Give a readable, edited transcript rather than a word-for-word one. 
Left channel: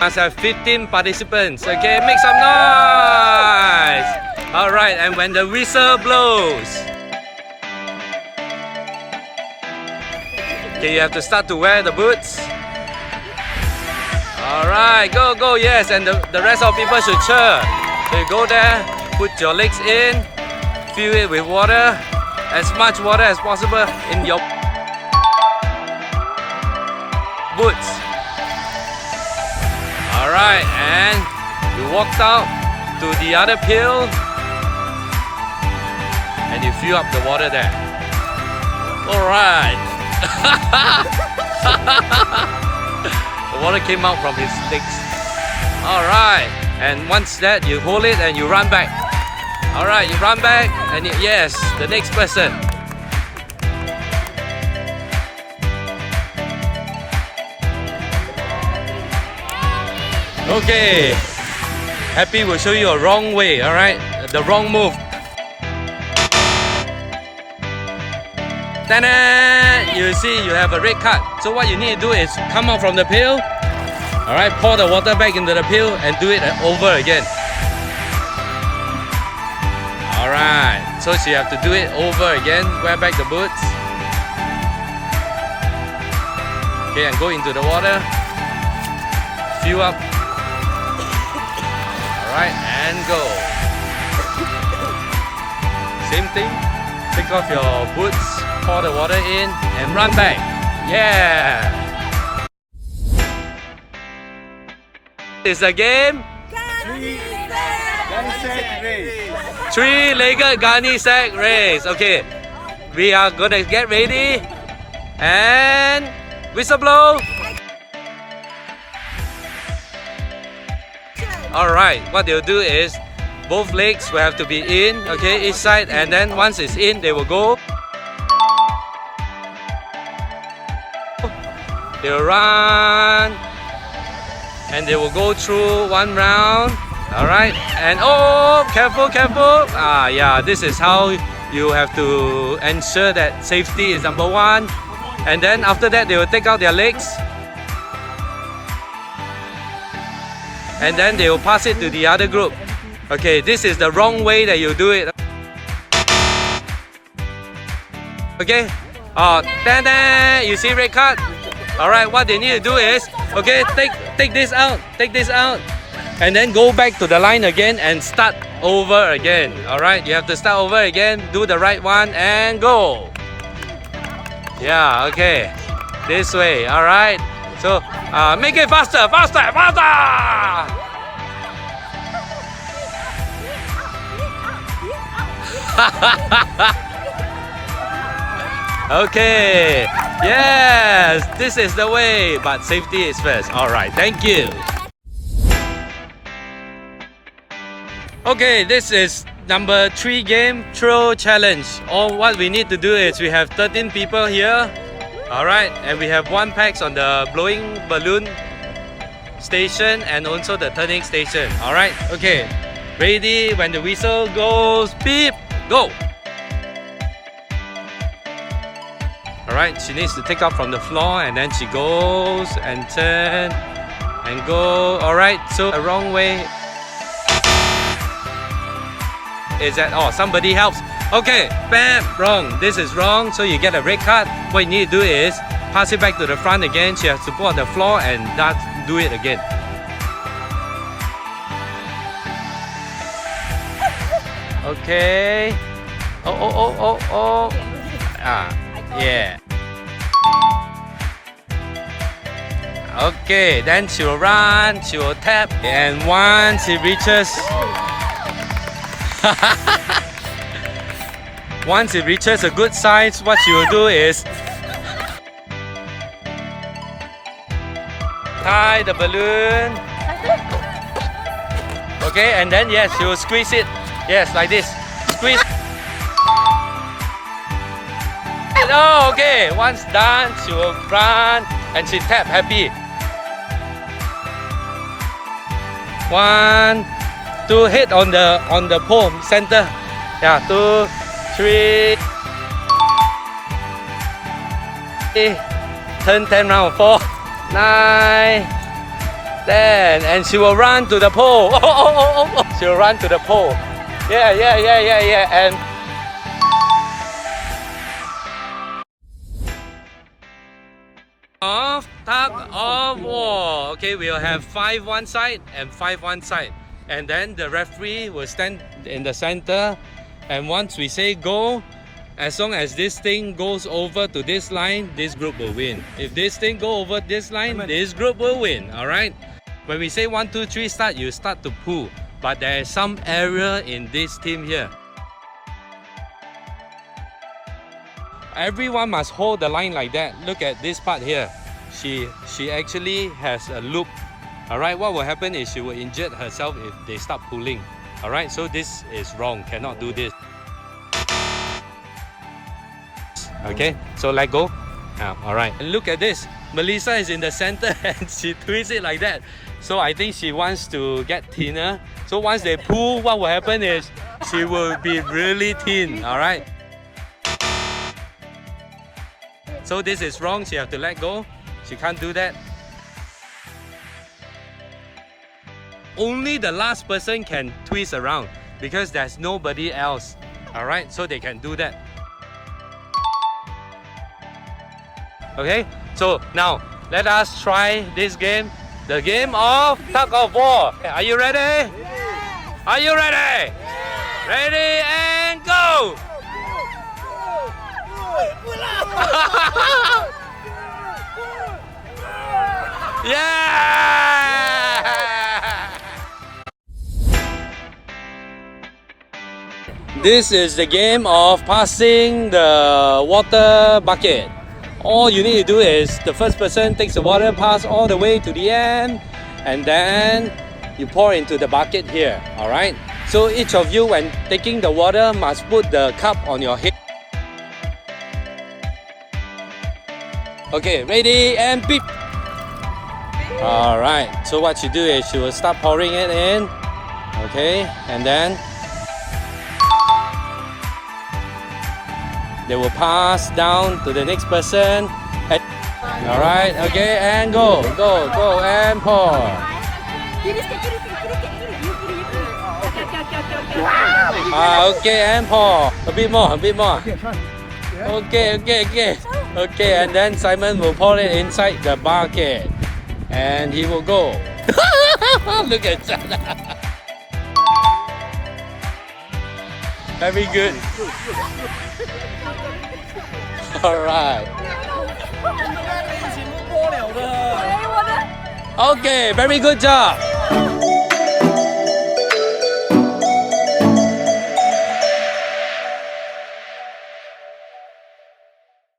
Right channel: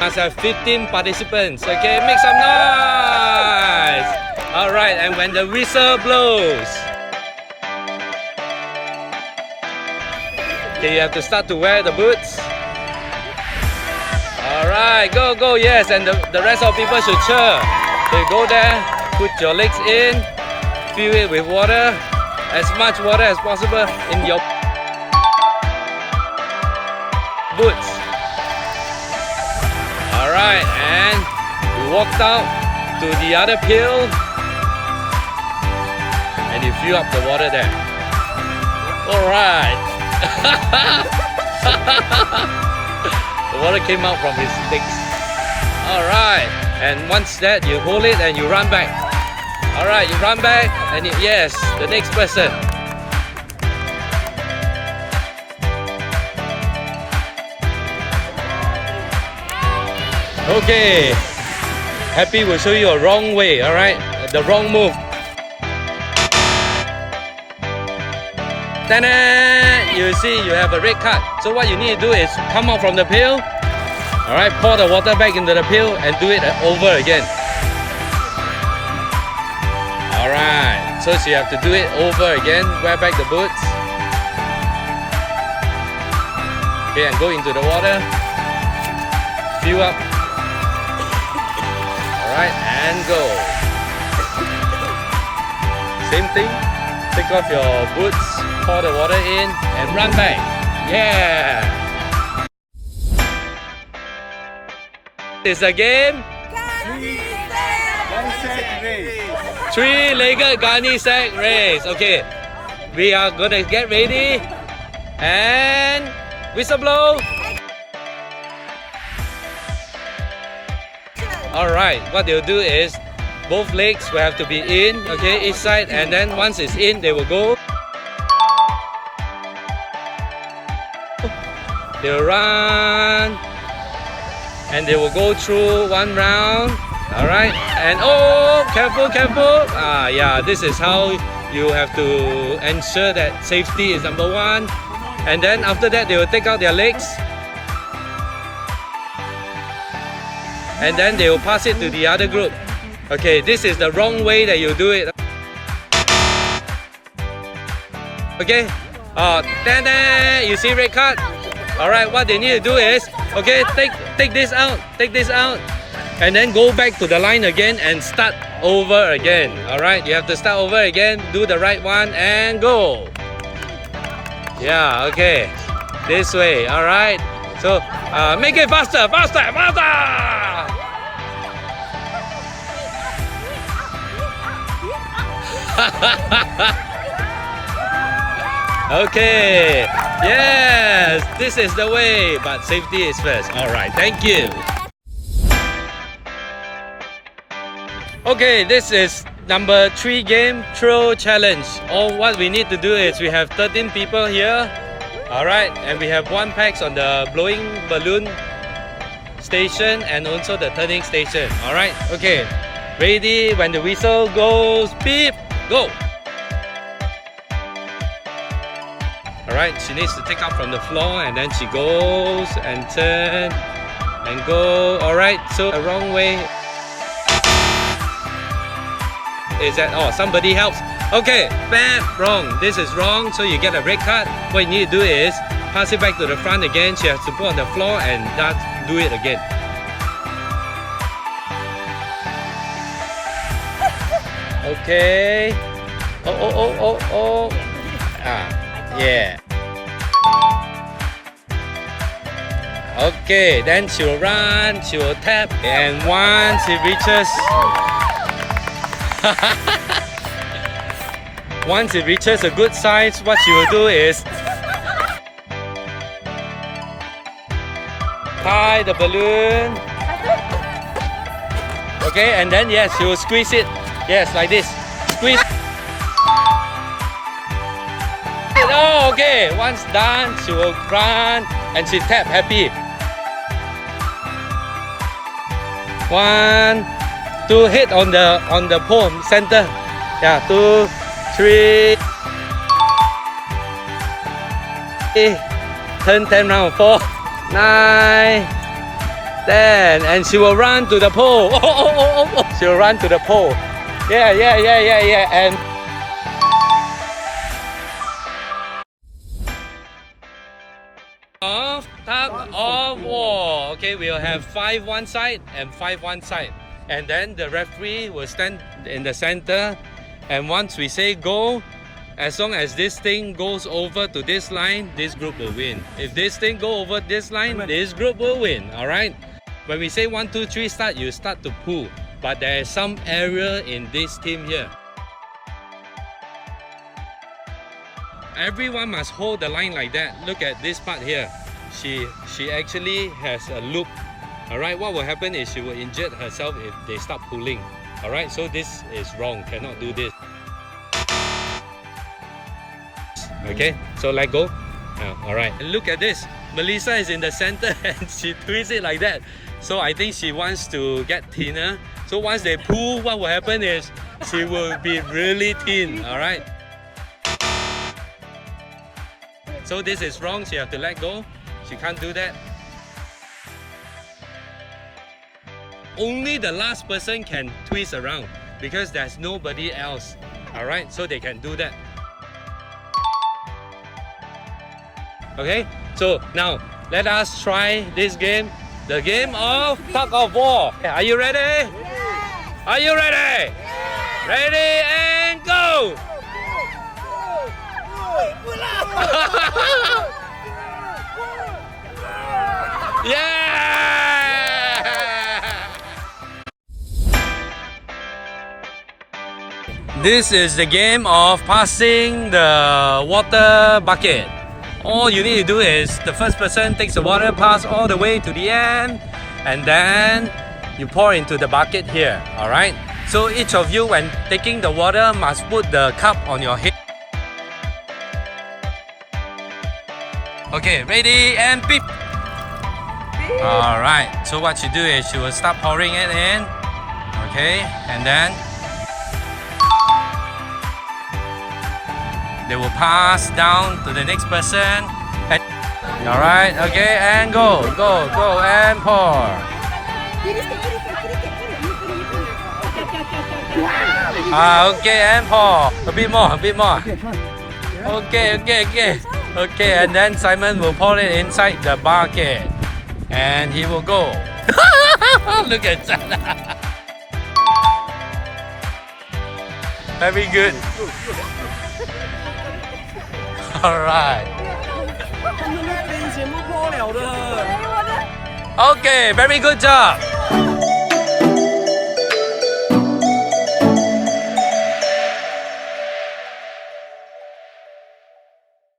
Must have 15 participants. Okay, make some noise. All right, and when the whistle blows, okay, you have to start to wear the boots. All right, go, go, yes, and the rest of people should cheer. So you go there, put your legs in, fill it with water, as much water as possible in your boots. All right, and you walked out to the other pail and you fill up the water there. All right. The water came out from his legs. All right, and once that, you hold it and you run back. All right, you run back and yes, the next person. Okay, Happy will show you a wrong way, all right? The wrong move. Ta-da! You see, you have a red card. So what you need to do is come out from the pail. All right, pour the water back into the pail and do it over again. All right, so you have to do it over again. Wear back the boots. Okay, and go into the water. Fill up. All right, and go. Same thing. Take off your boots, pour the water in, and run back. Yeah! It's a game. Three-legged gunny sack race. Okay, we are gonna get ready and whistle blow. All right, what they'll do is both legs will have to be in, okay, each side, and then once it's in, they will go. They will run, and they will go through one round. All right, and oh, careful, careful. Yeah, this is how you have to ensure that safety is number one. And then after that, they will take out their legs. And then they will pass it to the other group. Okay, this is the wrong way that you do it. Okay, ta-da! You see red card? All right, what they need to do is, okay, take this out, and then go back to the line again and start over again. All right, you have to start over again, do the right one, and go. Yeah, okay, this way. All right, so make it faster, faster, faster. Okay, yes, this is the way, but safety is first. All right, thank you. Okay, this is number 3 game, throw challenge. All what we need to do is we have 13 people here. All right, and we have 1 packs on the blowing balloon station and also the turning station. All right, okay, ready? When the whistle goes, beep, go. Alright, she needs to take up from the floor and then she goes and turn and go. Alright, so the wrong way is that, oh, somebody helps. Okay, bam, wrong. This is wrong, so you get a red card. What you need to do is pass it back to the front again. She has to put on the floor and do it again. Okay. Oh. Yeah. Okay, then she will run, she will tap, and once it reaches once it reaches a good size, what she will do is tie the balloon. Okay, and then yes, she will squeeze it. Yes, like this. Squeeze. Oh, okay. Once done, she will run and she tap happy. 1, 2, hit on the pole center. Yeah, 2, 3. Turn 10 round. 4, 9, Then, and she will run to the pole. She will run to the pole. Yeah. And tug of war. Okay, we'll have 5 one side and 5 one side. And then the referee will stand in the center. And once we say go, as long as this thing goes over to this line, this group will win. If this thing go over this line, this group will win. Alright? When we say 1, 2, 3 start, you start to pull. But there is some error in this team here. Everyone must hold the line like that. Look at this part here. She actually has a loop. Alright, what will happen is she will injure herself if they start pulling. Alright, so this is wrong. Cannot do this. Okay, so let go. Alright, and look at this. Melissa is in the center and she twists it like that. So I think she wants to get thinner. So once they pull, what will happen is she will be really thin. Alright. So this is wrong. She have to let go. She can't do that. Only the last person can twist around because there's nobody else. Alright, so they can do that. Okay, so now let us try this game. The game of tug of war. Are you ready? Yeah. Are you ready? Yeah. Ready and go! Yeah! This is the game of passing the water bucket. All you need to do is the first person takes the water, pass all the way to the end, and then you pour into the bucket here. Alright? So each of you, when taking the water, must put the cup on your head. Okay, ready and beep. Alright, so what you do is you will start pouring it in. Okay, and then they will pass down to the next person. Alright, okay, and go and pour. Okay, and pour. A bit more. Okay. Okay, and then Simon will pour it inside the bucket. And he will go. Look at that. Very good. Alright. Okay, very good job.